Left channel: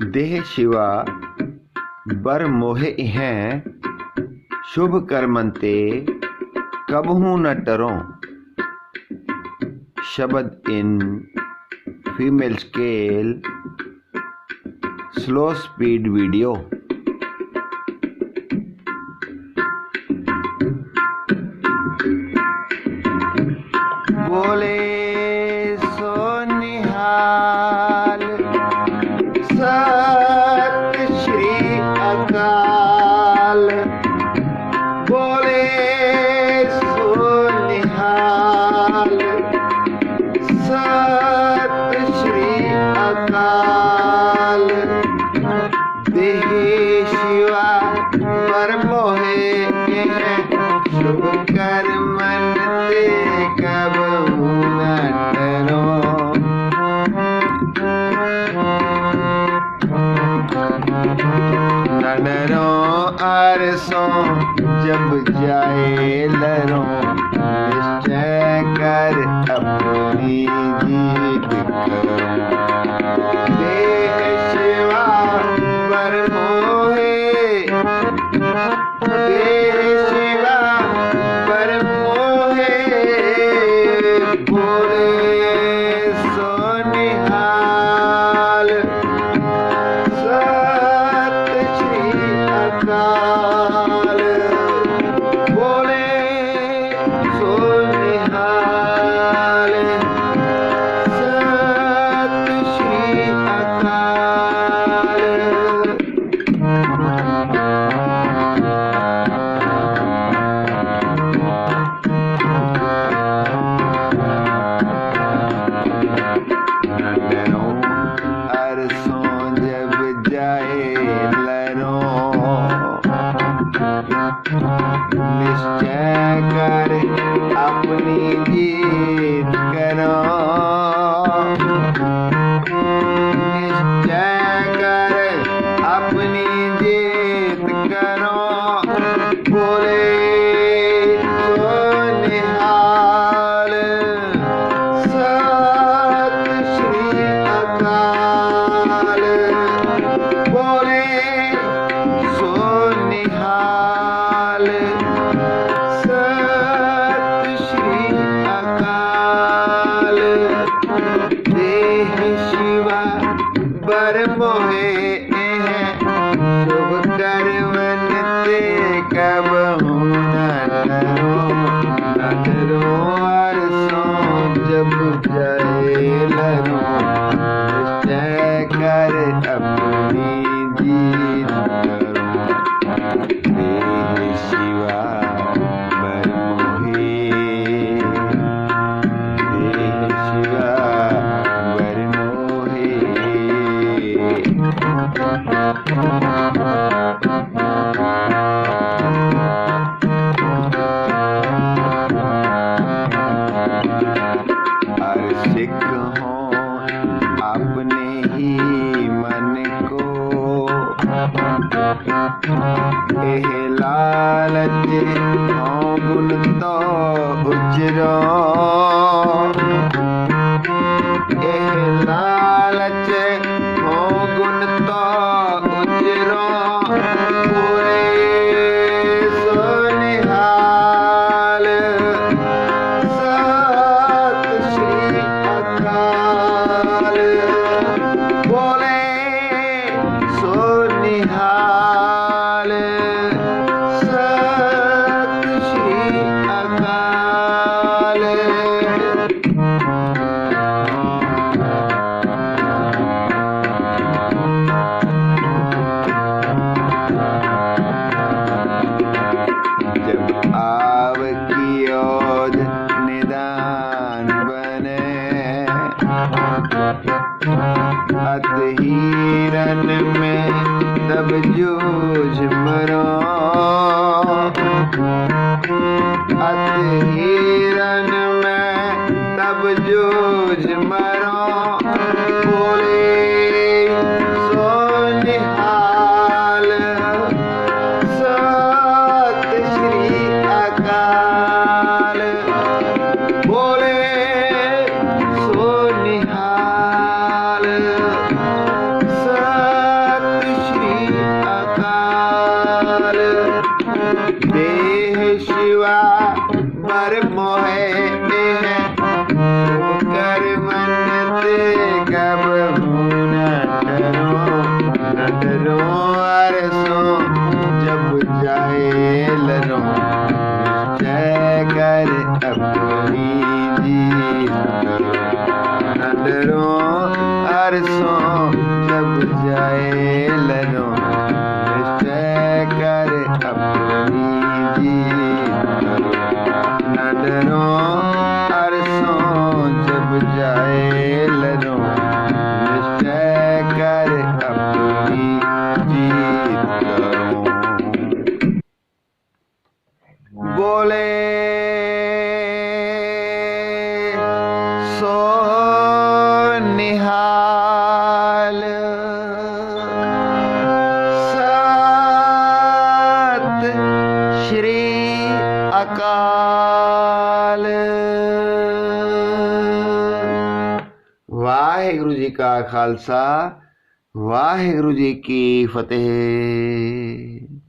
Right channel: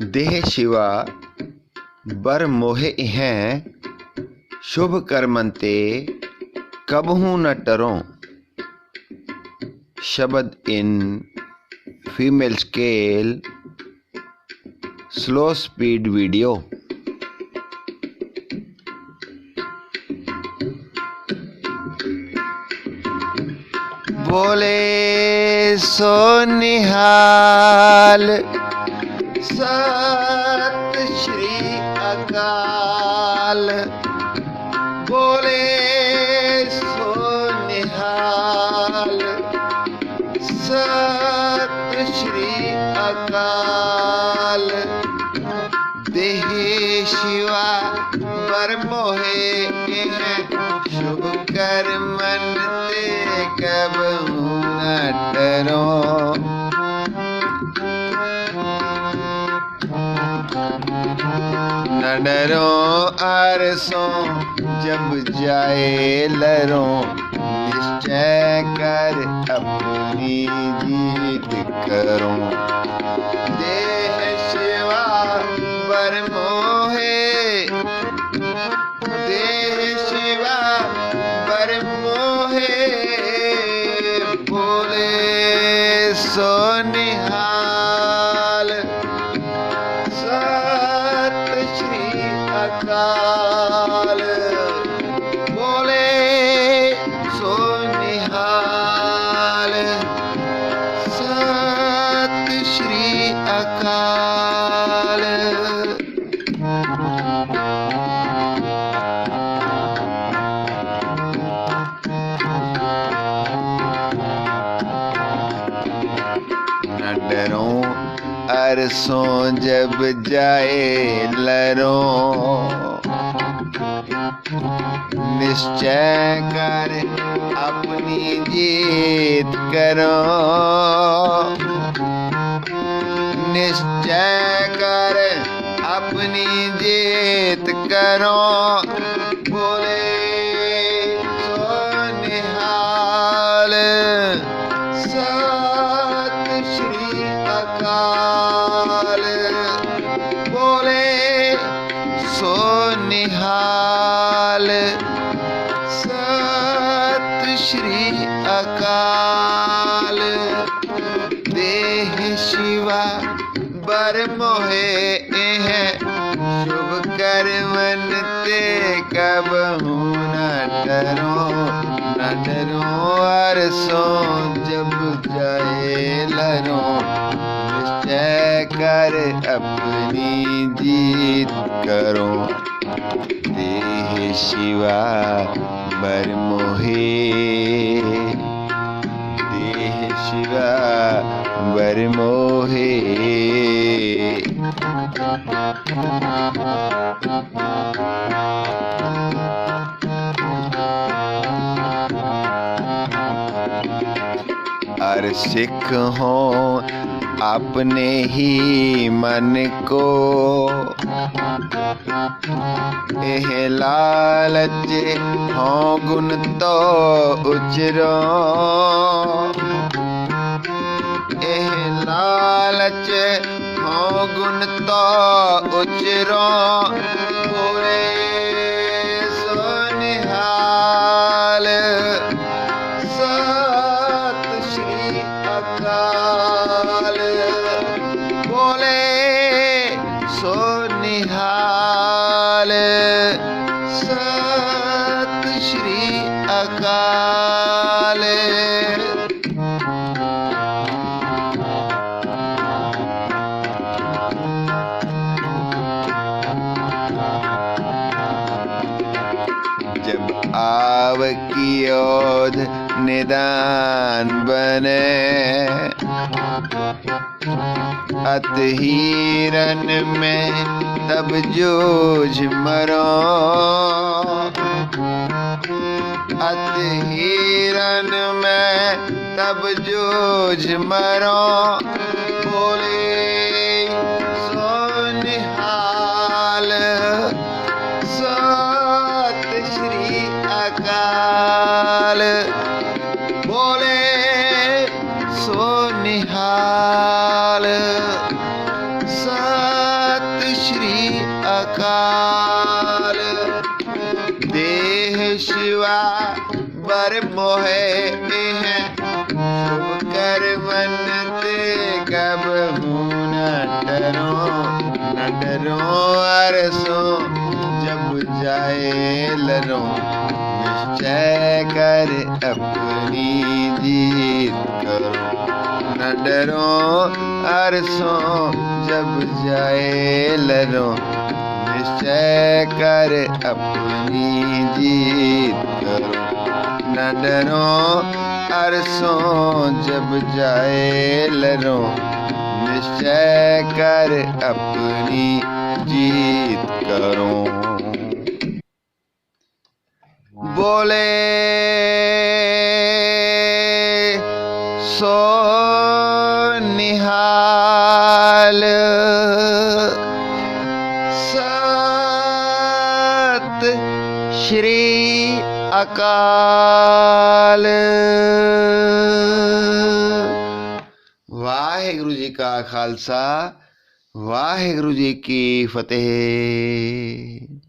देह शिवा बर मोहे हैं शुभ करमन ते कबहू न टरों। शब्द in female scale slow speed video. बोले सो निहाल सत श्री अकाल। बोले सो निहाल सत श्री अकाल। देह शिवा पर मोहे शुभ करमन ते कबहू न टरों। न डरों अरसों जब जाए लरों। निश्चय कर अपनी जीत करो। देह शिवा पर मोहे देह शिवा पर मोहे। बोले सो निहाल सत श्री अकाल। बोले सो निहाल सत श्री अकाल। न डरों अरसों जब जाए लरों। निश्चय कर अपनी जीत करो। निश्चय कर अपनी जीत करो। बोले सो निहाल सत श्री अकाल। बोले सो निहाल सत श्री अकाल। देह शिवा बर मोहे हैं शुभ करमन ते कबहू न टरों। न डरों अरसों जब जाए लरों। निश्चय कर अपनी जीत करो। देह शिवा बर मोहे देह शिवा बर मोहे। अर सिख हो अपने ही मन को। एह लालच हो गुण तो उचरो। एह लालच हो गुण तो उचरो। बोले सो निहाल सत श्री अकाल। बोले सो निहाल सत श्री अकाल। जब आव की ओद निदान बने। अत हीरन में तब जूझ मरो। अत हीरन में तब जूझ मरो। बोले सो निहाल सत श्री अकाल। बोले सो निहाल सत जी का खालसा वाहिगुरु जी की फतेह।